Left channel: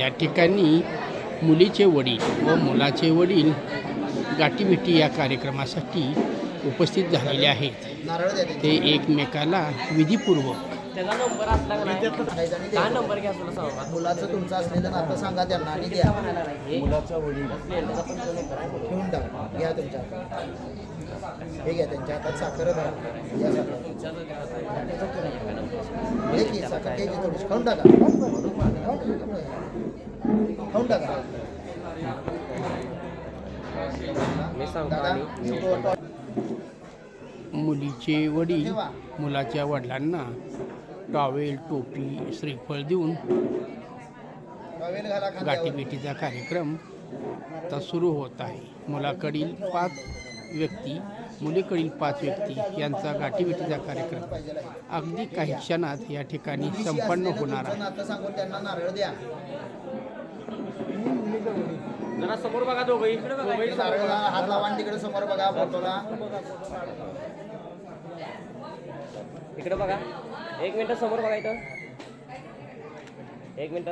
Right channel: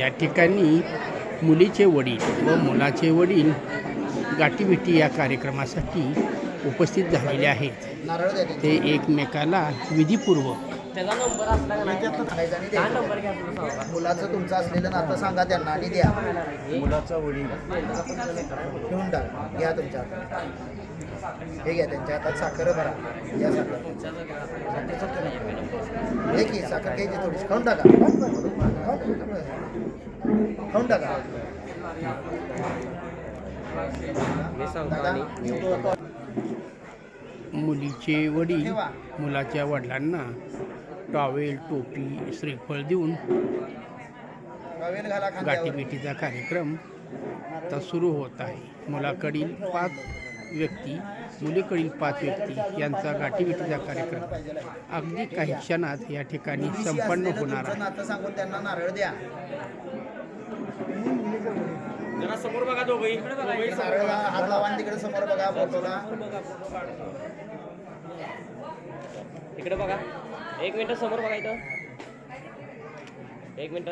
या ठिकाणी मुलीचे वडील व मुलाचे वडील गाठीभेटी या कार्यक्रमासाठी उपस्थित झालेले आहेत. ते एकमेकाला विधीपूर्वक त्याचा नंबर असला का नाही? आणि काय द्यायचा. नंबर घ्या तुला सांगू का मुलाचं तुमचं असलेलं नातं सांगा त्यांना आणि द्या. मुलाचा वडील. त्याचा पण तुझा नंबर आहे ठेवून टाका. घ्या तुमच्या हातात. हे घ्या त्यांच्या हातात साखर भरा. या साखर. हे की साखर घ्यायची थोडीशी. खाऊन टाका. खाऊन टाका. मी सांगतो दादा आणि तो- तो- मुलीचे वडील ठेवा. मुलाच्या वडिलांना टॉवेल टोपी श्रीफळ देऊन. गाठीभेटीचा कार्यक्रम आता सुरू होत आहे. मुलाकडील पाच व्यक्ती मुलीकडील पाच व्यक्ती यांचा गाठीभेटीचा कार्यक्रम. अगदी काही क्षणात या ठिकाणी संपन्न होणार आहे. नातं सांगून त्यांना नारळ द्या. जरा समोर बघा नारळ हात लावा तिकडे समोर बघा फोटोला. इकडे बघा. एक मिनिट समोर बघा इथं. एक मिनिट.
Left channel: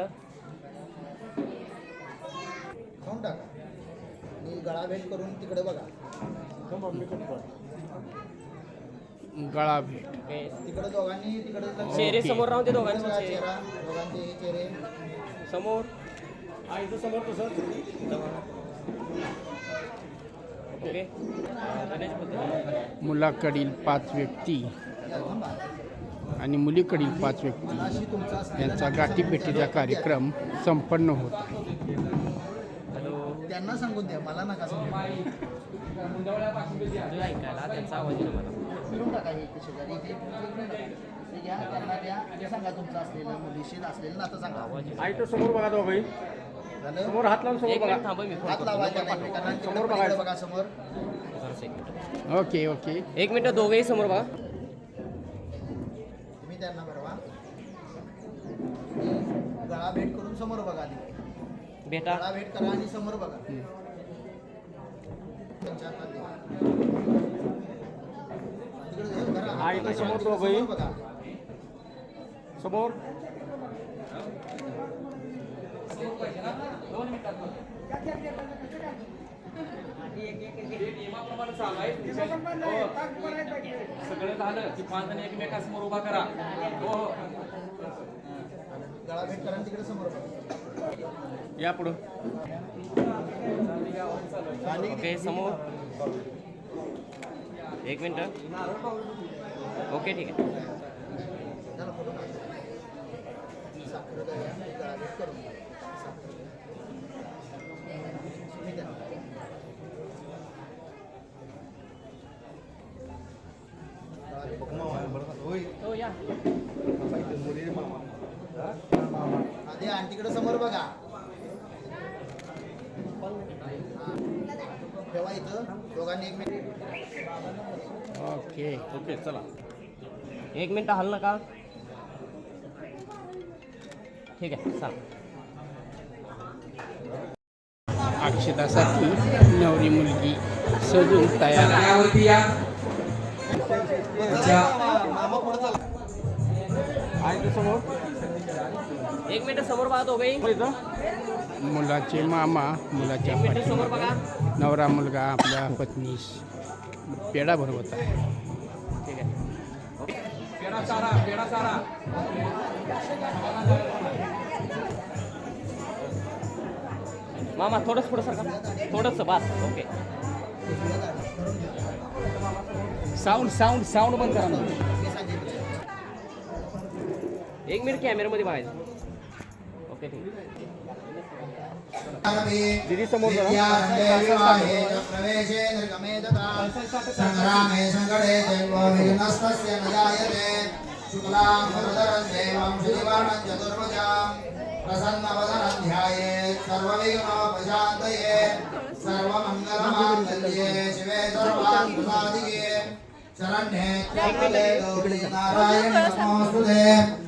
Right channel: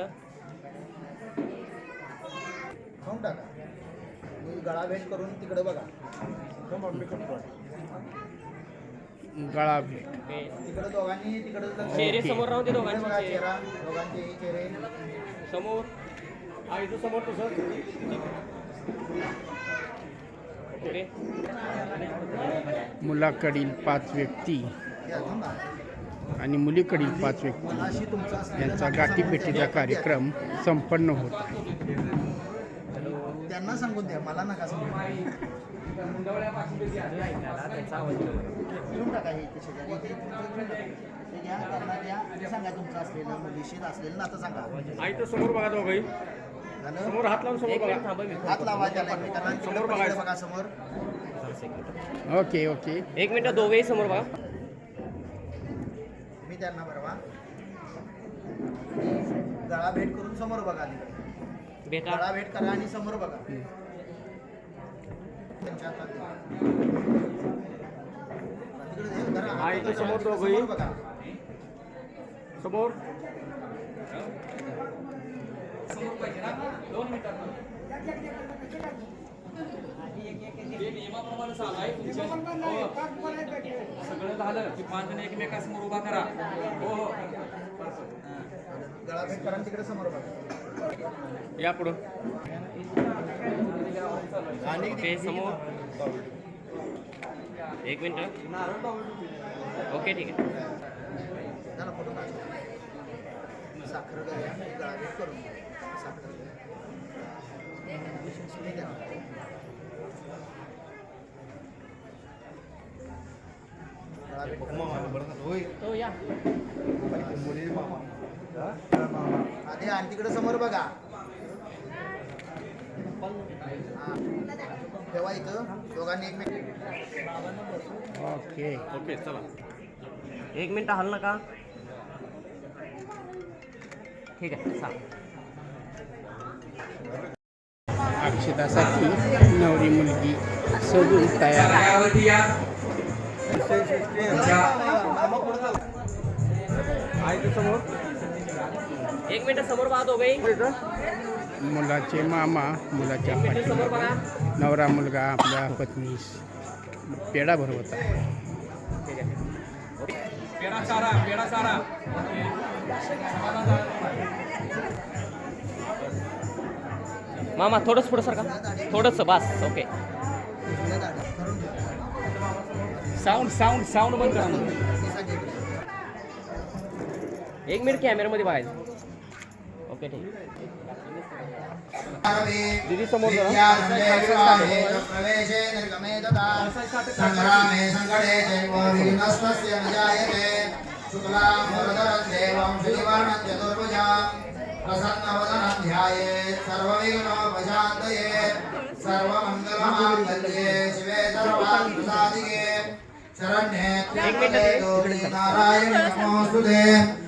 खाऊन टाका. आणि गळा भेट करून तिकडे बघा. गळा भेट. तिकडे दोघांनी तिकडे चेहरे. समोर राहू दे तिकडे बघा दोघांचे चेहरा दोघांचे चेहरे. समोर. समोर तसं ओके. मुलाकडील पाच व्यक्ती. आणि मुलीकडील पाच व्यक्ती यांचा सांगून कार्यक्रम संपन्न होत आहे. त्यांना सांगून द्या मला नका सांगू. हे तुमचं. ते असलेलं मुलीशी असलेलं नातं सांगा. आई तो समोर बघा दोघंही झालं? समोर हात लावून समोर बघा. हात. लावा बघा. समोर. Okay okay. एक मिनिट दोघंही समोर बघा. तुम्ही त्यांना भरवा. गळा भेट करून समोर बघा आधी भेटा. गळा भेट करा आणि समोर बघा. त्यांच्या हातात द्या. तिकडे दे, धरा, हात आई, तिकडे समोर तिकडे दोघंही. समोर बघा. समोर. सगळं झालं की पाच जण एकमेकासमोर उभा करा. हो हो. गळा भेट करा आणि तिकडे समोर बघा. या पुढं. ओके समोर. एक मिनिट. ओके ठीक आहे. झाला फोटो काढ साखर करून साखर द्या ठीक आहे गळा भेट आधी आणि तिकडे समोर बघा. हा. ठेवा इथं. दोघांनी एकमेक ओके. ओके चला. एक मिनिट हल नका ठीक आहे सांग अक्षतासाठी नवरी मुलगी सजून तयार समोर. एक मिनिट समोर दोघंही मुलाचे मामा मुलाच्या पाठीमागे. नवरा मुलगा आपल्या पत्नीस पेढा भरवत आहे. मामा थोडंच पुढं सरका. थोडंच बस. ओके. साऊंड साऊंड साऊंड बंद करा ना एक मिनिट कॅमेरामध्ये बाहेर. ओके ठीक. दीदी समोर संग्रामे न जायते शुक्लां वरदरं देवं श्रीवाणं चतुर्भुजां प्रसन्नवदनं ध्यायेत् सर्वविघ्नोपशान्तयेत् सर्वमङ्गलमाङ्गल्ये शिवे सर्वार्थसाधिके शरण्ये त्र्यम्बके गौरी नारायणि नमोऽस्तुते सर्वदा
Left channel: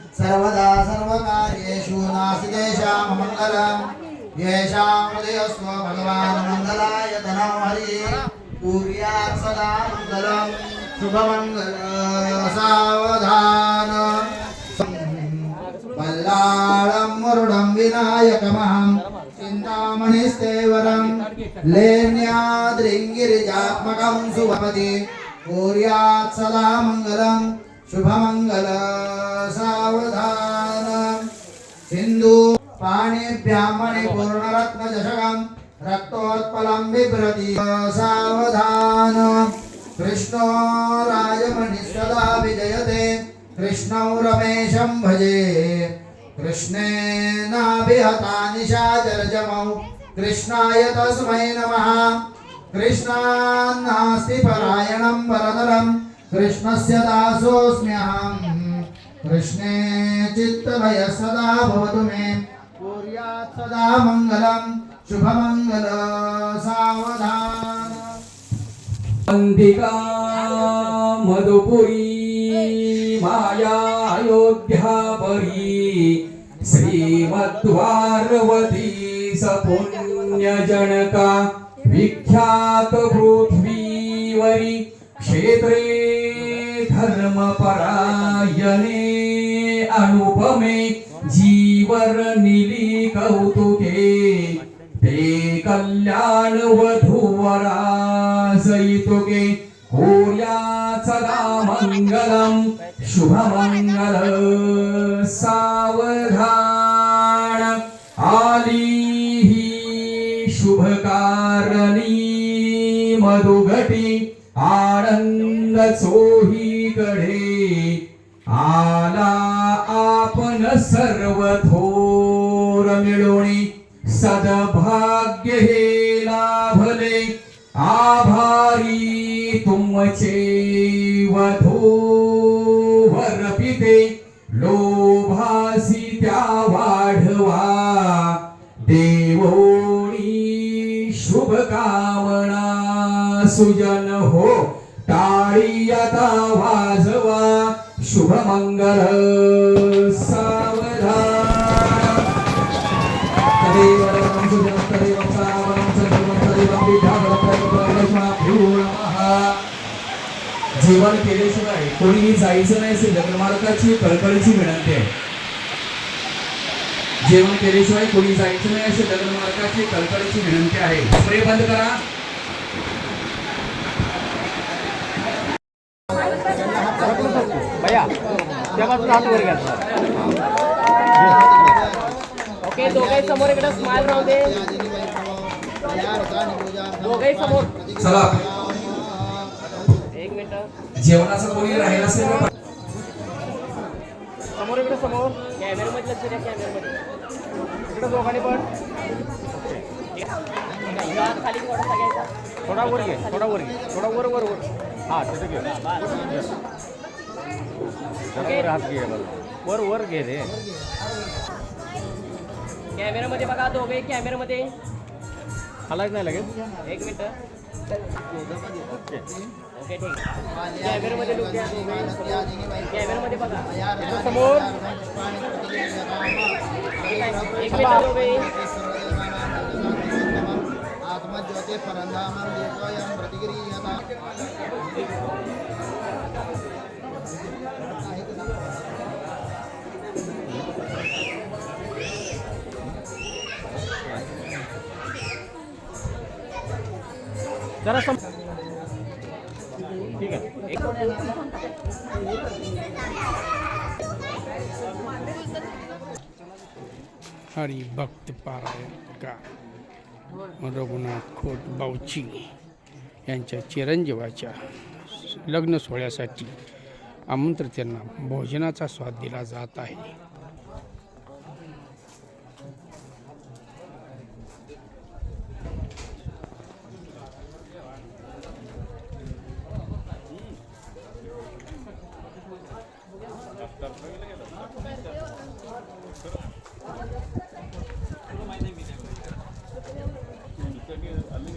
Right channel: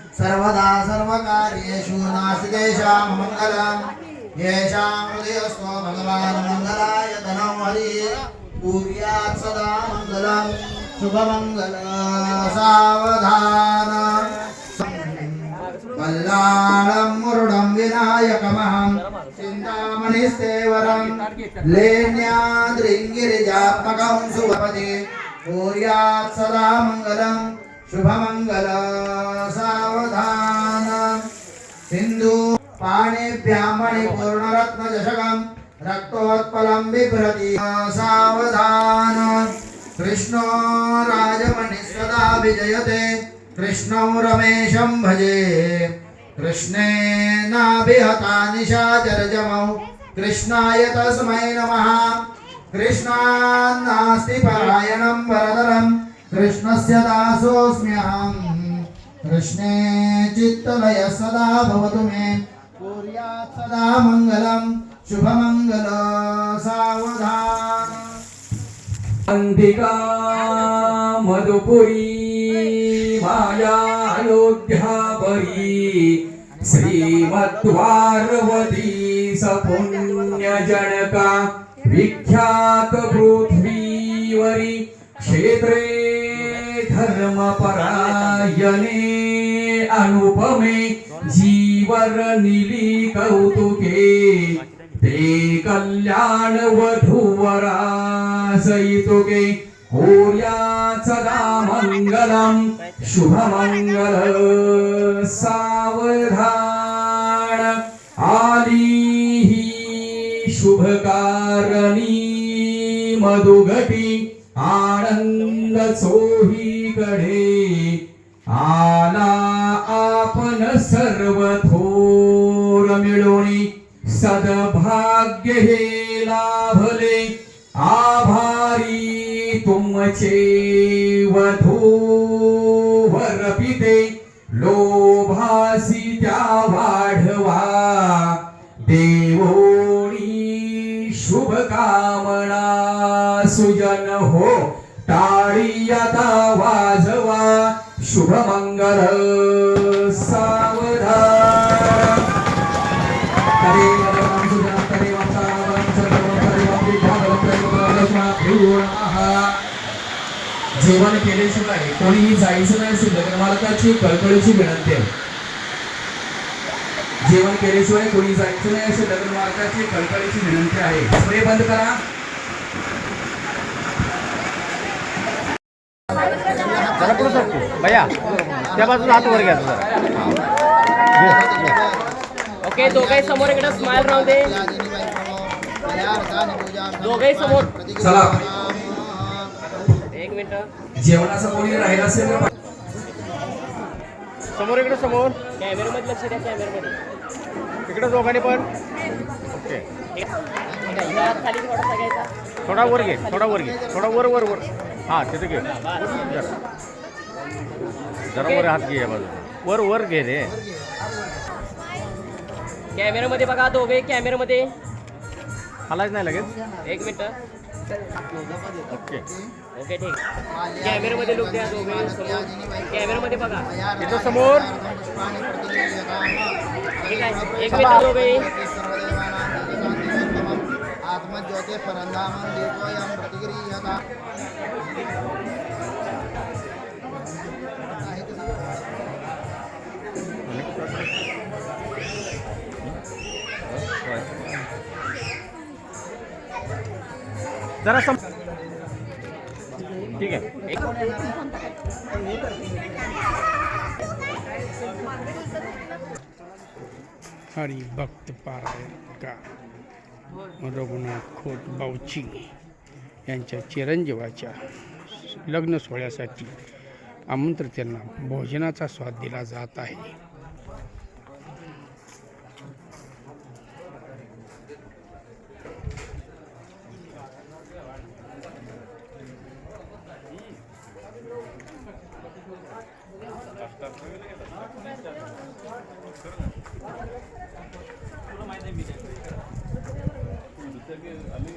मङ्गलम् येषां हृदयस्व भगवान् मङ्गलाय धनं हरिः। कुर्यात् सदा मङ्गलं शुभमङ्गल सावधान पल्लाळं मुरुडं विनायकमः मणिस्तेवरं लेण्याद्रिङ्गिरिजात्मकं सुभपति कुर्यात् सदा मङ्गलं शुभमङ्गल। पाणिभ्यां मणिपूर्णरत्नचषकं रक्तोत्पलं बिभ्रति सावधान कृष्णो राजमणिः सदा विजयते कृष्णौ रमेशं भजे कृष्णेनाभिहता निशाचरजमौ कृष्णाय तस्मै नमः कृष्णान्नास्ति परायणं वरदरं कृष्णस्य दासोऽस्म्यहम् कृष्णे चित्तलय सदा भवतु मे कुर्यात् सदा मङ्गलं शुभमङ्गल सावधान। अंतिका मधुपुरी माया अयोध्यापरी श्रीमद्वारवती सपुण्यजनका विख्यात पृथ्वीवरी क्षेत्रे धर्मपरा जीवरनिली कौतुके ते कल्याण वधूवरासयितुके कुर्यात् सदा मङ्गलं शुभमङ्गल सावधान। आली हि शुभकारणी मधुघटी आनंद गढे आला आपण सर्व थोर मिळवणी सदभाग्य हे लाभले. आभारी तुमचे वधूवर पिते. लोभासी त्या वाढवा. देवोणी शुभकामना सुजन हो. टाळी आता शुभमंगल सावधान। तदेव देवं सुजनं तदेवं जेवण केल्याशिवाय कोणीही जायचं नाही अशी मार्गाची कळकळीची विनंती आहे. जेवण केल्याशिवाय कोणी जायचं नाही असे लग्नमालकाची कळकळीची विनंती आहे. स्प्रे बंद करा. त्या बाजूला हात वर घ्या. ओके दोघे समोर इकडे स्माइल राहू दे. दोघे समोर. चला. एक मिनिट. जेवणाचं कोणी राहिलं असेल तर समोर इकडे समोर. कॅमेरामध्ये लक्ष द्या कॅमेरामध्ये इकडे दोघांनी पण. थोडा वर घे थोडा वर घे. थोडा वर वर वर. हां तिथे घे. जरा वर हात घे बाजूला. वर वर घे रे. कॅमेरामध्ये बघा दोघे कॅमेरामध्ये. हालायच नाही लगेच? एक मिनिट. ओके. ओके ठीक. कॅमेरामध्ये लोक द्या दोघे. कॅमेरामध्ये बघा. इथं समोर. एक मिनिट दोघे. आत्मज्योते प्रतिगृह्यता जरा सम ठीक आहे. हरी भक्त पारायणकार रघुनाथ खोत बावची यांच्या चिरंजीवाच्या लग्न सोहळ्यासाठी आमंत्रितांना भोजनाचा स्वाद दिला जात आहे. आम्ही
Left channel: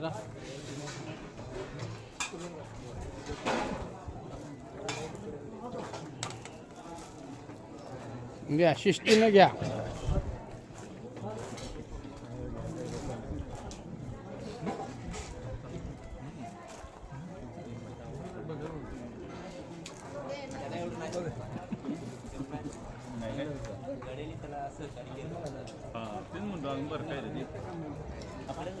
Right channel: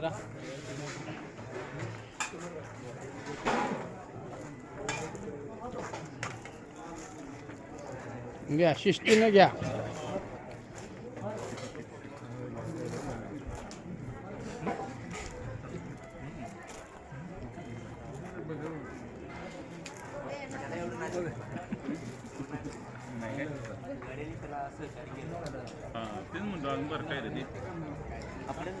तिसरा घ्या शिस्तीने घ्या. तेच म्हणतो बरं काय रे ते? आपल्याला